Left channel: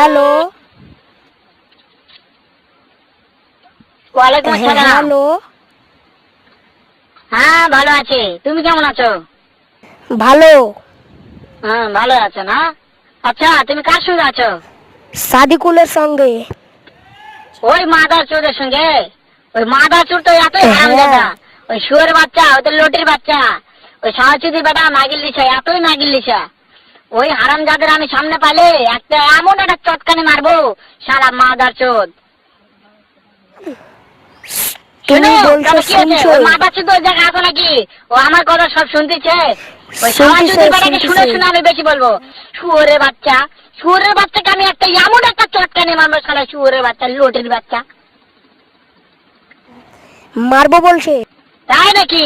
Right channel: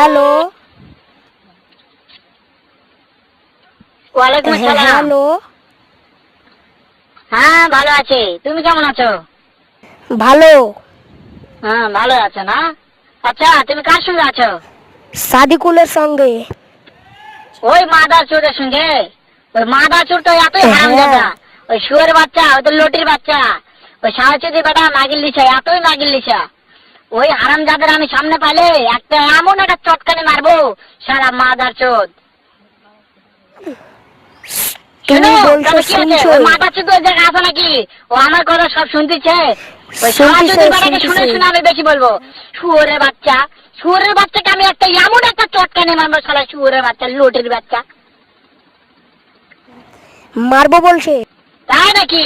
Hello ওয়ালাইকুম আসসালাম। Hello হ্যাঁ ভালো আছি, তুমি কেমন আছো? ভালো। হ্যাঁ ভালো আছো না? আচ্ছা তুমি কার সঙ্গে আছো? সাদিকুলের সঙ্গে। ওই মাদার চোরের সঙ্গে? ওই মাদার চোর তো এতই হারামজাদা, ওই শুয়োর বাচ্চা, ওদের লোটের বাচ্চা, ওই সাহচুদি বেটা মাগিল লিসা, এতই মাগিল লিসা। ওই হারামজাদের আমি সামনে পাইলে একটা এমন একটা চটকানি মারবো, শালা মাদার চোদ। তুমি বলছো শুনছো? মাথা চুদ ওই জায়গায় আছে নাকি? ও আমার কথা সব শুনতেছে। ওই শুনতেছে, সাহচুদি বেটাকে শুনে শুনতেছে। শুনে আমি বেশি বলবো। শুয়োরের বাচ্চা, শুয়োরের বাচ্চাকে আমি একটা এমন একটা চটকানি মারবো, শালা শুয়োরের বাচ্চা, লোটের বাচ্চা। মারবো বলছে। তাই নাকি?